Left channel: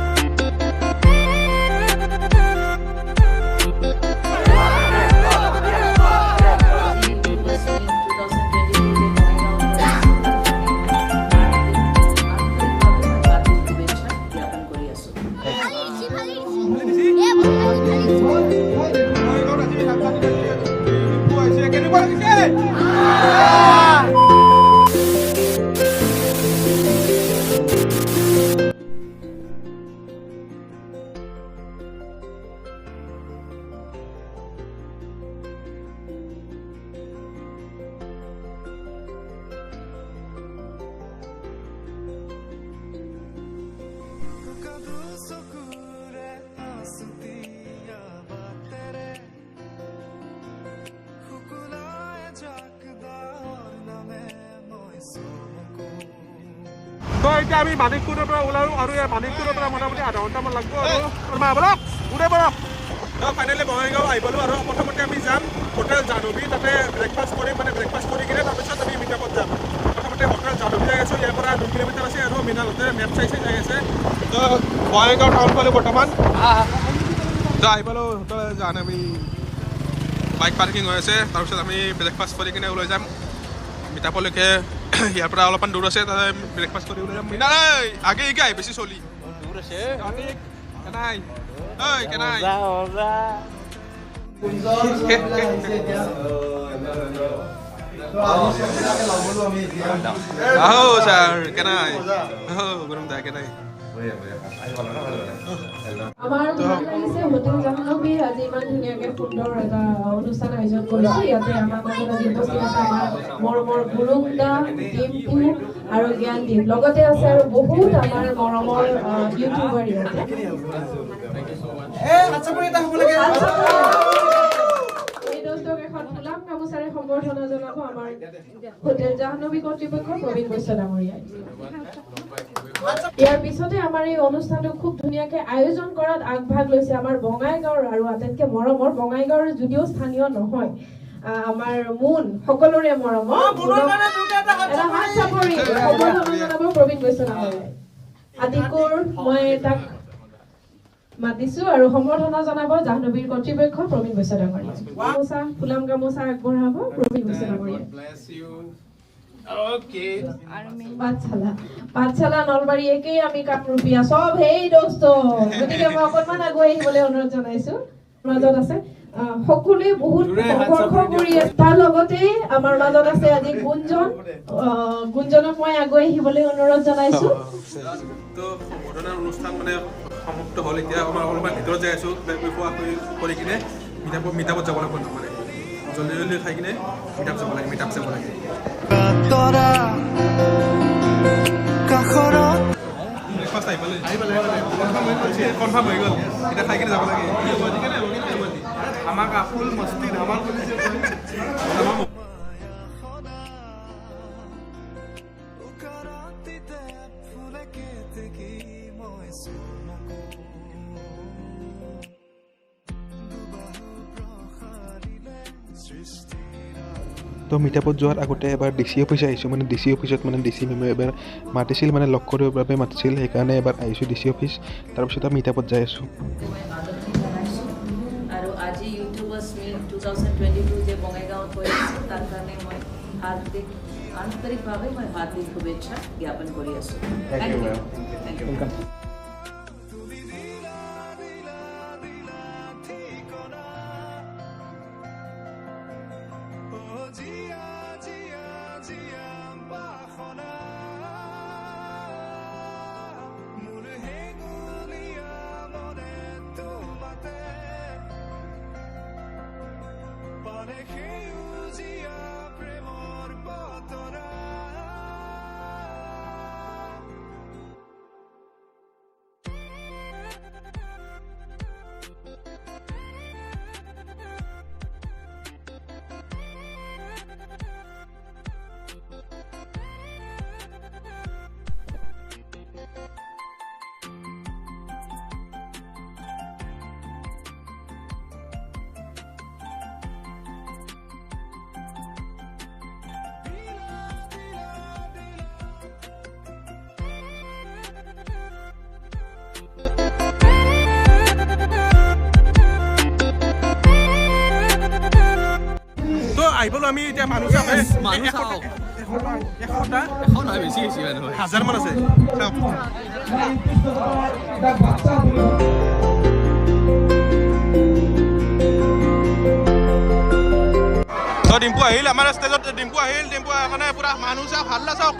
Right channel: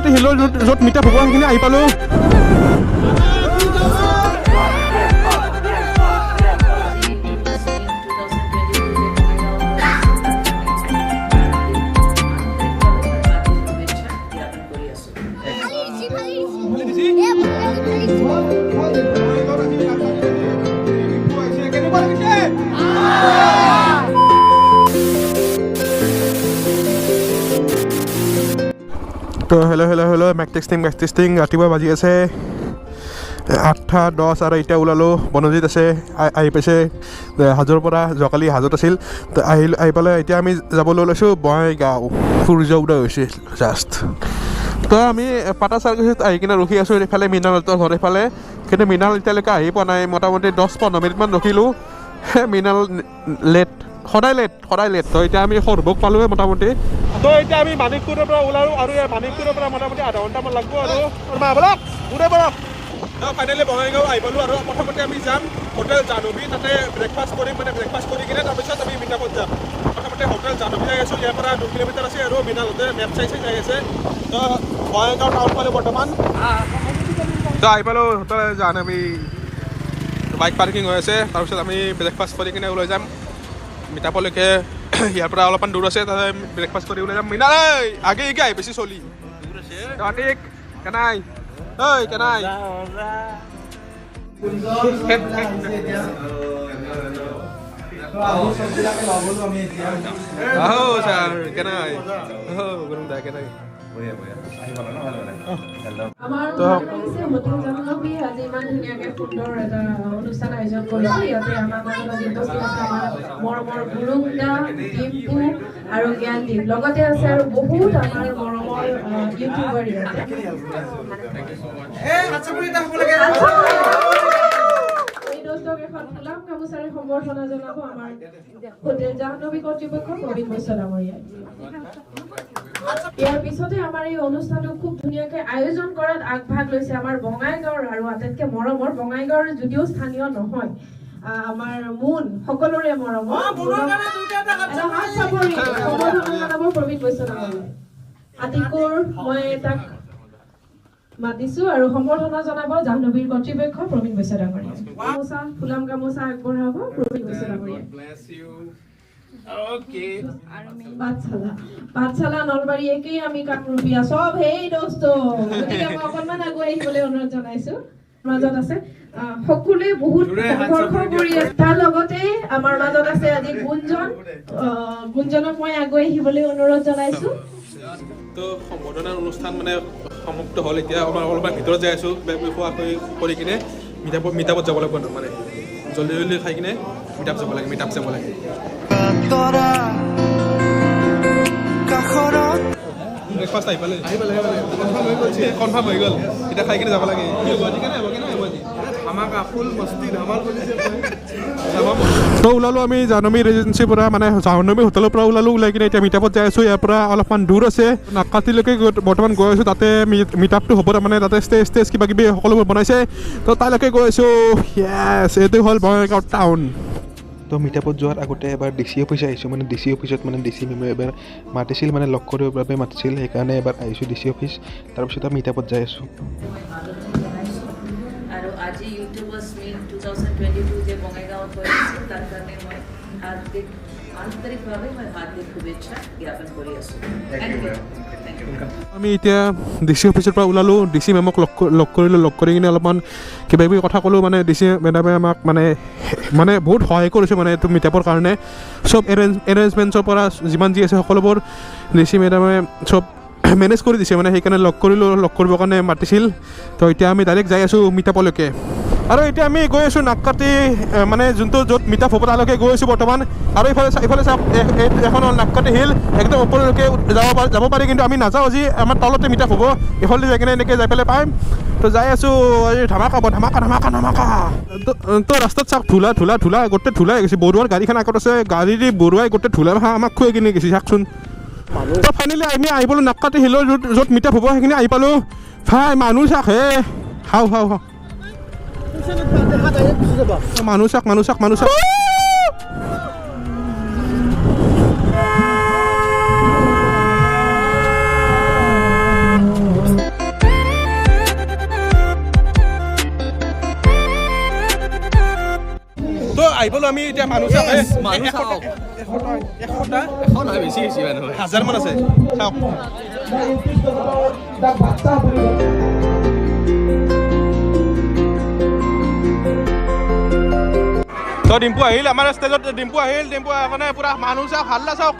নাকাটি হিলৰ য'ত মিটাপ হ'ব সেইখিনি আহি পালোঁ। তো হেল্ল' মেক টেষ্টিং ৰাতিপুৱা বাজি আছে 8:10 আৰু এতিয়া ওলালোঁ। বনজিত আছে আহি পাইছে হাজোৰ পৰা, যোৱাকালি হাজোত আছিল। তো আহি পেলাই এতিয়া আমি যাবলৈ ওলাইছোঁ বঙাইগাঁও। সূৰ্য উদয় হৈছে জাষ্ট। তো আমি পাটা চাৰ্ভিচত আহি কিনে ৰখি আছোঁ এইফালে মৃণালহঁতৰ ঘৰ এইফালে। কিন্তু মৃণাল এতিয়ালৈকে আহি পোৱা নাই। মোটামুটি 10-15 মিনিটমান ৰখিলোঁ। মৃণাল সদায় লেট। তো এতিয়া আমি সৰভোগ পালোঁৱে মোটামুটি। তো এতিয়া আমি মানিকপুৰৰ পৰা ওলালোঁ আৰু মানিকপুৰৰ পৰা মোটামুটি আধা ঘণ্টামান লাগব আৰু ব'লক উদয় ব'লক। তো ফাইনেলি বঙাইগাঁও আহি পালোঁ আৰু প্ৰথমতে আমি যাম হোটেল জাহ্নবী, তাতে ব্ৰেকফাষ্ট কৰি কিনে তাৰপিছত আমি মিটাপত যাম। প্ৰথমতে হোটেল জাহ্নবী যাই আছোঁ, ইয়াৰ পৰা 2 কিলোমিটাৰ আছে আৰু মৃণালহঁতে মেপ চাই যাই আছে। তো বঙাইগাঁও টাউন পালোঁ বৰ্তমান। তো আহি পালোঁ হোটেল জাহ্নবী, বাইক পাৰ্কিং হৈ আছে। তাৰপিছত আমি ব্ৰেকফাষ্ট কৰি কিনে ওলাই যাম মিটাপলৈকে। ইয়াৰ পৰা অলপমান দূৰ আছে, তাতে ব্ৰেকফাষ্ট কৰি ওলাই যাম। মৃণাল আগে আহি বেছি চলি কেনাই কেনাই আহো ছাৰ কেনাই গৰম দা কেনাই। হোটেল জাহ্নবী আজি ইমান ধুনীয়াকে সুন্দৰ এটা অনুষ্ঠান আয়োজন কৰিছে। ইয়াতে আমাৰ মাজত আজি উপস্থিত আছে আমাৰ মৰমৰ গুৰুং দা, ডিম্পু আৰু জ্ঞানদীপ, লগতে আছে আৰু বহুত আমাৰ মৰমৰ ইউটিউবাৰ ইয়াতে। এই দৰ্শক এখন ফুলাম গামোচাৰে সম্বৰ্ধনা জনাব আমাৰ হোটেল জাহ্নবী কৰ্তৃপক্ষ প্ৰবীণ বৈশ্য ডাঙৰীয়াই। ইয়াৰ পিছতে আমাৰ এই অনুষ্ঠানটো খুব ধুনীয়াকে আয়োজন কৰাত আগভাগ লৈছে আমাৰ বঙাইগাঁৱৰ আৰু আটাইতকৈ মৰমৰ বঙাইগাঁৱৰ, যদিও স্থানীয় নহয়, আমাৰ মুন সকলোৰে মৰমৰ প্ৰবীণ বৈশ্য ডাঙৰীয়াই। আতিকুৰ মই তাক মাতিছো আৰু সম্বৰ্ধনা জনাব জাহ্নবীৰ কৰ্তৃপক্ষ প্ৰবীণ বৈশ্য ডাঙৰীয়াই। গামোচা ফুলাম গামোচা আগবঢ়াব প্ৰবীণ বৈশ্য ডাঙৰীয়াই। পাঠশালা নলবাৰী একেই আমি কাপৰুপীয়া চব সেই দোস্ত, গতিকে মই অকণমান আগুৱাই আহিবলৈ অনুৰোধ জনাইছো। মাজত আছে সকলোৱে বহুত সংঘৰ্ষ কৰি আছে, তাৰ লগতে আমাৰ মাজত আছে আজি গুঞ্জনক মই আগুৱাই আহিবলৈ অনুৰোধ জনাইছো। তো সম্বৰ্ধনাৰ অনুষ্ঠান সমাপ্ত হ'ল। এতিয়া আমাৰ অলপমান ভিতৰত যাই আছোঁ, খোৱা কৰি কিনে মিটাপত যাব লাগিব। মানে জলদি খাই কিনে মিটাপ যাব লাগে। ব্ৰেকফাষ্ট আহি পালে কনফাৰ্ম হৈ গ'ল। এতিয়া খাই কিনে যাব লাগে। তো ওলালোঁ আমি জাহ্নবী ৰেজিডেঞ্চিৰ পৰা, মানে জাহ্নবী হোটেলৰ পৰা ওলাই কিনে এতিয়া মিটাপত যাই আছোঁ। ইয়াৰ পৰা অলপমান দূৰ আছে, নাকাটিলৈকে বৰ্তমান গৈ আছোঁ। তাতে মিটাপটো হ'ব, তাৰমানে তাতে ষ্টেজ কিবা কিবি সকলোবোৰ বনাইছে। তো তালৈকে গৈ আছোঁ। য়েছ, এইটো হ'ল বঙাইগাঁও টাউন। তো মিটাপত যোৱাৰ আগতে এবাৰ DC অফিচ আহিছোঁ। মানে DC অফিচত DC মেমে এবাৰ মাতিছিল, লগ কৰিবৰ বাবে মাতিছিল। সেইকাৰণে এবাৰ আহিছোঁ DC অফিচ। তাৰপিছত আমি মিটাপত যাই আছোঁ। আৰু আজি ইউটিউবাৰ্ছ মিট 2022 যে বঙাইগাঁৱত হৈ আছে, তাৰ কাৰণে মই আন্তৰিকভাৱে হাৰ্দিক শুভেচ্ছা জ্ঞাপন কৰি আছোঁ। আমি এতিয়া DC অফিচৰ পৰা ওলালোঁ। DC মেমক লগ কৰি কিনে অলপমান কিবা কিবি কথা ক'লোঁ। DC মেডামে আমাক বহুত সহায় কৰিছে এইটো মিটাপৰ কাৰণে। চব এৰেঞ্জমেণ্টছৰ পৰা যিমান যি আছে সকলোবোৰ DC মেডামে চব মেনেজ কৰি দিছে। সেইকাৰণে লগ কৰিবৰ কাৰণে মাতিছিল। তো এতিয়া আমি ডাইৰেক্ট যাই আছোঁ মিটাপলৈকে। আৰু এতিয়া আমি গৈ আছোঁ নাককাটি, যোনটো য'ত মিটাপ হ'ব তালৈকে গৈ আছোঁ বৰ্তমান। আৰু ইফালে চাওক, এখন হ'ল নাককাটি হিল, একদম ওপৰলৈকে যাব পাৰি, কিন্তু আমি নাযাওঁ। আজি আমাৰ তলতে মিটাপ হ'ব, এইফালে যাই কিনে এনেকৈ যাই পেলাই পাম। তো যাই আছোঁ। ধামাকা তো ৰাস্তাত চাওক, ধূলা গোটেই ধূলা হৈ গৈছে। বৰুৱাৰ গাড়ীখন আগত আছে, গাড়ী দি বৰুৱাই গোটেই ধূলা আমাক খুৱাই কিনে গৈছে চাওকচোন। তো ফাইনেলি আমি আহি পালোঁ নাককাটি হিলৰ য'ত মিটাপ হ'ব সেইখিনি আহি পালোঁ। ভাই মানুহ চাওক হে, হাও মানুহ চাওক। আহিবলৈ আমি এতিয়া মানুহ চাওক মানুহ চাওক। এশটা এখন হয় বেছি বেছি মানুহ হয়। 1000 মান আছে চাওক তো ডিম্পু আহিল আমাৰ ষ্টেজত ডিম্পু আহিল ডিম্পু কাৰণে পুৰা মানুহ চাওক হাল্লা চাওক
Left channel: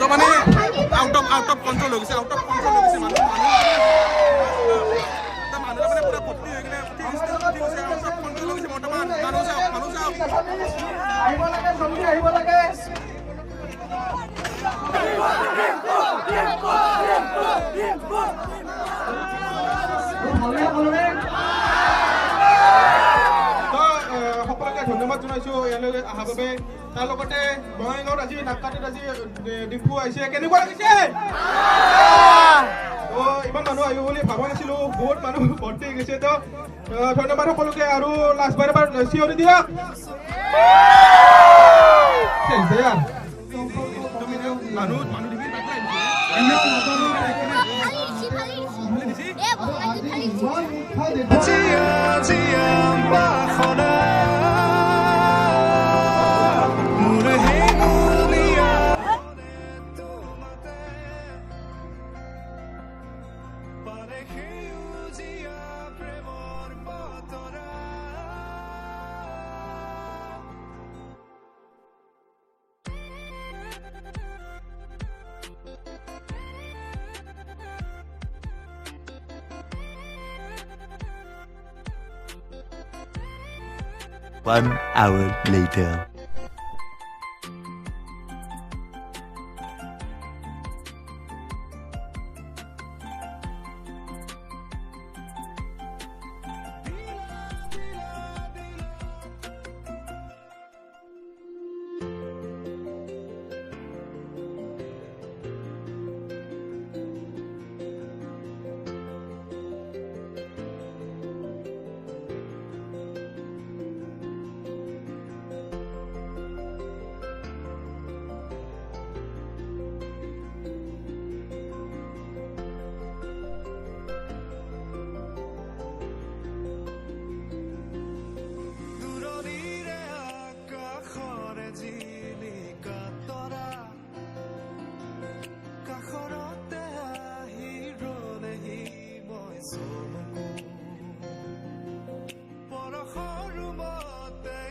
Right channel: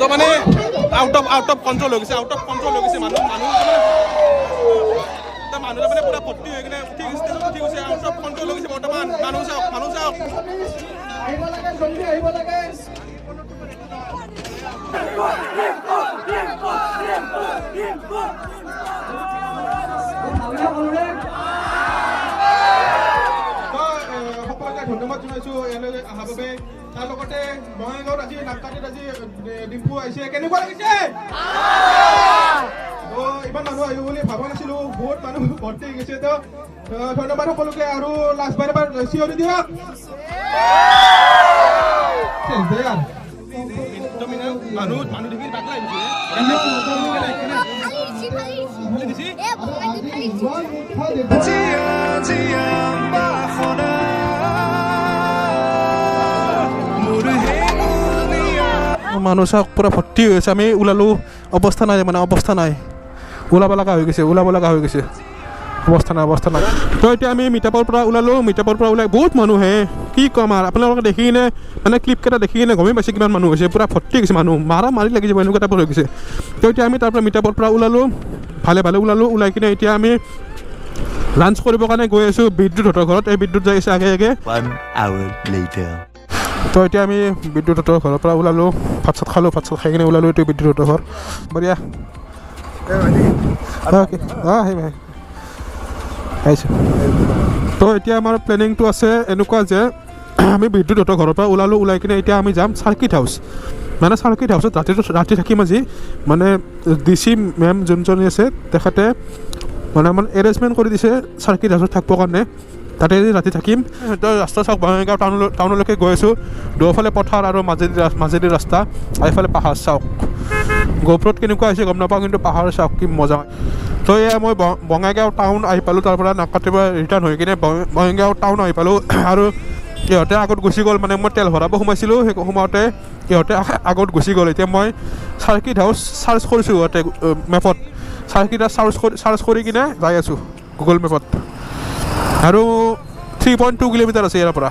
তো মানে আউট অফ কন্ট্ৰল হৈ গৈছে মানুহ মানে পুৰা ভৰ্তি হৈ কিনে উঠি গৈছে আউট অফ কন্ট্ৰল হৈ গৈছে বৰ্তমান মানুহ চাওক সকলোকে ধন্যবাদ জনাইছোঁ ইয়ালৈ অহাৰ বাবে তাৰ লগতে বঙাইগাঁৱত আজি নাটকাটিত আজি ডিম্পু আহিছে কেনেকুৱা লাগিছে ইমান মানুহ আহিব বুলি ভাবা নাছিলো বহুত মানুহ ভৰ্তি হৈ গৈছে তো ধন্যবাদ সকলোকে আৰু লাষ্টবাৰ এবাৰ চিঞৰি দিয়ক মানুহ দেখি মানুহ চাওক পুৰা ভৰ্তি হৈ আছে আমি ওলালো অৱস্থা নাই ওলাব লগা হৈ গৈছে অৱস্থা নাই তো এতিয়া আমি মিটাপৰ পৰা ওলাই বহুত মানুহ হে কি ক'ম আৰু আপোনালোকে দেখি কিনে মানে ক্লিপকেইটা দেখি কিনে গমেই পাইছে কিমান মানুহ হৈছে পুৰা ভৰ্তি গৈছে মানুহ মাৰি লাগি যাব এনেকুৱা টাইপৰ হৈ গৈছে তো এতিয়া আমি তাৰ পৰা মিটাপৰ পৰা ওলালো ভালে ওলাই কিনে এতিয়া আমি লাঞ্চ কৰিবৰ কাৰণে গৈ আছোঁ বিদ্যুৎহঁতৰ ঘৰত এই বিদ্যুৎ যাই আছে আগে 1 hour later তো এতিয়া আমি বিদ্যুৎহঁতৰ ঘৰৰ পৰা ওলালোঁ ভাত চাত খাই কিনে ওলালোঁ এইটো বিদ্যুৎহঁতৰ ঘৰ বঢ়িয়া আহিছোঁ তো এতিয়া আমাৰ প্লেনিংটো আছে এনেকুৱা যে আমি বিদ্যুৎহঁতৰ ঘৰৰ পৰা ওলাই কিনে এতিয়া আমি যাম চাৰ্কিট হাউচত ৰাতি থাকিম আজি মানে DC মেম যোনজনী আছে তেখেতে মানে আমাৰ এৰেঞ্জমেণ্ট কৰি দিছে চাৰ্কিট হাউচত থাকিবৰ কাৰণে তাতে ৰাতি থাকিম তো ৰাস্তা চাওক বঙাইগাঁও টাউনলৈকে গৈ আছোঁ দুয়োফালে পথাৰ আৰু মাজেদি ৰাস্তা এইফালে পাহাৰ চাওক গোপ্ৰত কেনেকুৱা হৈছে গম নাপাওঁ কিন্তু পাহাৰ চাওক কি মজা তো এয়া মই বঙাইগাঁও টাউন আহি পালোঁ তাৰ পৰা নাকাটিৰ পৰা ৰিটাৰ্ণ হৈ কিনে বঙাইগাঁও টাউন আহি পালোঁ আৰু ইহঁতে আগত গুচি গ'ল মানে মই তেল ভৰাব সোমাইছিলোঁ সেই সোমাওঁতে ইহঁতে আগত গুচি গ'ল এতিয়া মই চাৰ্কিট হাউচ চাৰ্চ কৰিছোঁ ইহঁতে মেপত চাৰ্কিট হাউচ চাৰ্চ কৰি কিনে যাই আছোঁ গুগল মেপত আৰু 3.2 কিলোমিটাৰ আছে ইয়াৰ পৰা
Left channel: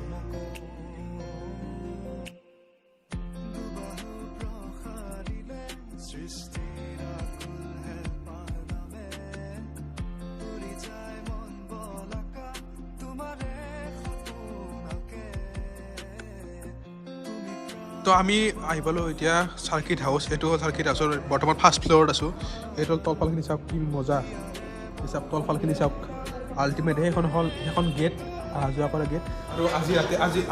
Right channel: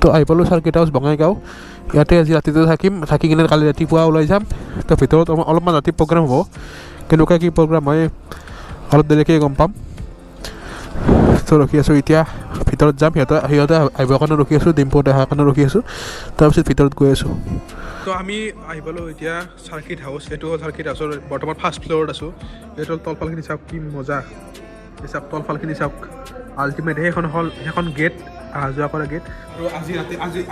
তো আহি পালোঁ চাৰ্কিট হাউচ বঙাইগাঁও ইয়াতে আজি ৰাতিটো থাকি কিনে কালি ৰাতিপুৱা ওলাই যাম তো ভিতৰত অলপমান ৰাতি প্ৰগ্ৰাম হ'ব কেনেকুৱা কি প্ৰগ্ৰাম হয় অলপ দেৰিকৈ গম পাম তো ৰখি আছোঁ এতিয়া ভিতৰত যাম সিহঁতে আহিবৰ কাৰণে ৰখি আছোঁ ডিম্পুত অহাৰ কাৰণে ৰখি আছোঁ তাৰপিছত ভিতৰত গৈ আছোঁ তো আমি আহি পালোঁ এতিয়া চাৰ্কিট হাউচ এইটো হ'ল চাৰ্কিট হাউচৰ বৰ্তমান ফাৰ্ষ্ট ফ্ল'ৰত আছোঁ এইটো হ'ল তলফালখিনি চাওক কি মজা চাওক তলফালখিনি চাওক আল্টিমেট সেইখন গেট অহা যোৱা কৰা গেট আৰু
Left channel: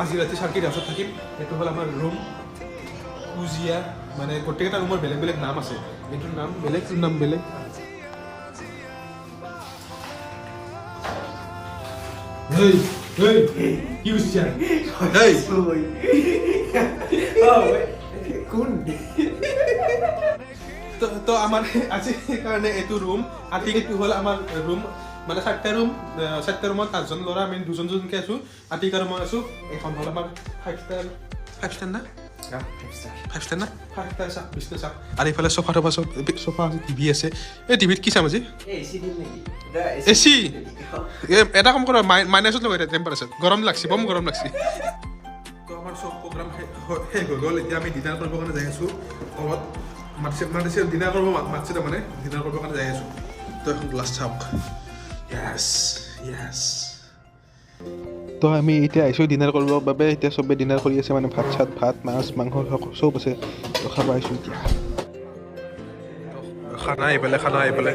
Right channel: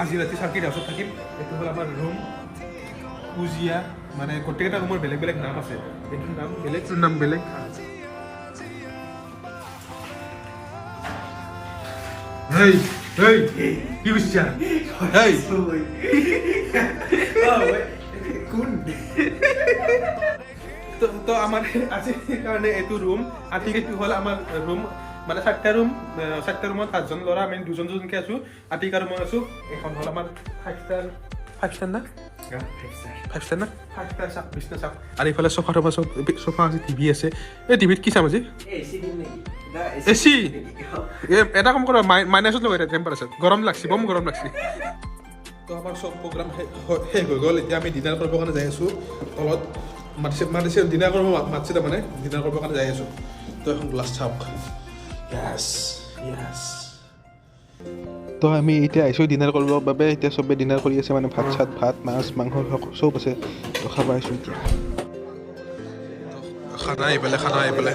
আজি ৰাতি চাৰ্কিট হাউচত থাকিম এইটো হ'ল আমাৰ ৰুম উজিয়া মানে গোটেইকেইটা ৰুমৰ বেলেগ নাম আছে এইটোৰ নাম বেলেগ তোৰ নাম বেলেগ কি বুঝছা কোন তো আমাৰ আজি কাৰণে এইটো ৰুম আতি এইটো হ'ল আমাৰ ৰুম মানে 4টা ৰুমত 8জন ল'ৰা আমি 2জনকৈ আছোঁ আতিকা ৰুমত আছোঁ এখন হ'ল আমাৰ 5 ষ্টাৰ না 5 ষ্টাৰ চাওক বিছনা চাওক আৰু এইফালে চফা আছে টিভি আছে এই টিভিত কি চাম আজি এচি এটা কাম কৰা মাইনাছত লগাই টেম্পাৰেচাৰ গৰম লাগছে বম গৰম লাগছে তো আমাৰ চব প্ৰগ্ৰাম শেষ হৈ গ'ল এতিয়া আমি ডিনাৰ কৰিবৰ কাৰণে যাই আছোঁ তলত মাতিছে ডিনাৰ কৰিব মাতিছে তাৰমানে ডিনাৰ কৰিবৰ কাৰণে যাই আছোঁ তো এখন গ্লাছ চাওক য়েছ তো আমি এতিয়া আহিছোঁ ডিনাৰ কৰিবৰ বাবে এতিয়া চবেই ডিনাৰ কৰি আছে মানে ভাত মাছ মাংস চব আছে তো খাব আহিছোঁ এতিয়া খানা আহি পেলাই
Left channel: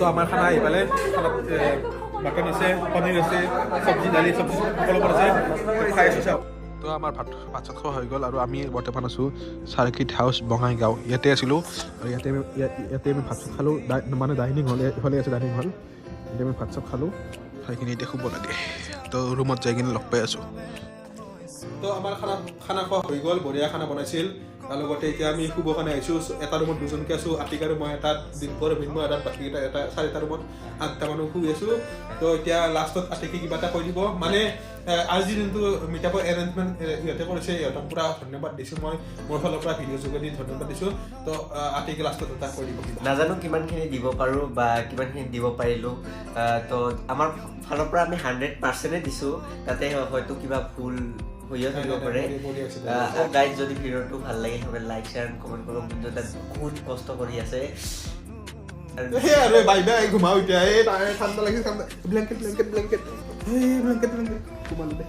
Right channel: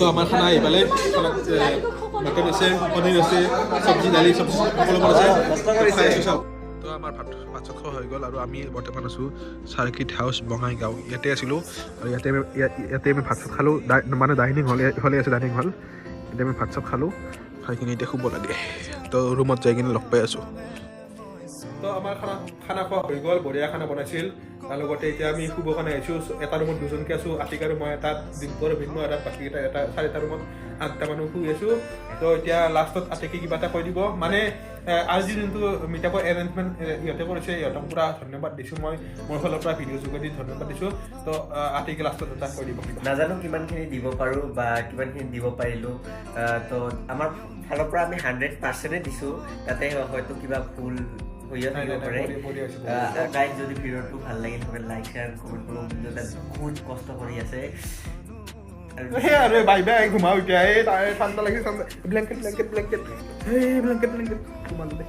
তো আমাৰ খানা আহি পেলাই খানাত মাটন আছে পনীৰ আছে চব্জি দালি চব সকলোবোৰ আছে খাই আছোঁ চাওক তো আমাৰ ভাত চাত খোৱা হৈ গ'ল আৰু আমি বৰ্তমান আছোঁ চাৰ্কিট হাউচ বঙাইগাঁও ইয়াতে আছিলোঁ আৰু ইয়াতে আমি ভাত চাত খালোঁ মানে ডাইনিং হল এইফালে আছে ডাইনিং হল এতিয়া আমি ভাত চাত খালোঁ খাই কিনে এতিয়া শুব লাগে তো ৰুমত যাই কিনে লগ পাই আছোঁ তো আমাৰ খানা খোৱা হৈ গ'ল বঢ়িয়া খানা বনাইছিল তাৰ লগতে এতিয়া আমি শুব কাৰণে আহিছোঁ এটা ৰুমত দুজনকৈ আছোঁ আতিক আৰু মই এটাত ডিম্পৰ ভিন্ন এটাত বাকীকেইটা এটা চাৰিটা ৰুমত 8টা মানুহ শুই আছোঁ তো এতিয়া লাষ্টত আতিকে কিবা এটা কৈ দিব মানে আজি যোনটো মিটআপৰ এৰেঞ্জমেণ্ট ইহঁতে কৰিছে ইহঁতক পূৰা ধন্যবাদ দিছোঁ মই মোৰ ফালৰ পৰা ভিডিঅ' যোগেদি ধন্যবাদ দিছোঁ তো আতিকে লাষ্টত এটা কৈ দিব নাজানো কিমানখিনি দিব পাৰোঁ বা কিমানখিনি দিব পাৰিলোঁ তো আমাৰ ফালৰ পৰা আমি 100% দিছোঁ তাতে হয়তো কিবা ভুল হৈও থাকিব পাৰে গাইজ যদি ভিডিঅ'টো ভাল লাগে সবে লাইক শ্বেয়াৰ কমেণ্ট কৰক কিন্তু তাত বহুত কষ্ট কৰি আছে সেই আৰু বাই বাই ঘুমাওঁ এতিয়া এই ঠাণ্ডা লাগিছে ঠাণ্ডা ব্লেংকেট ঘুমালো দে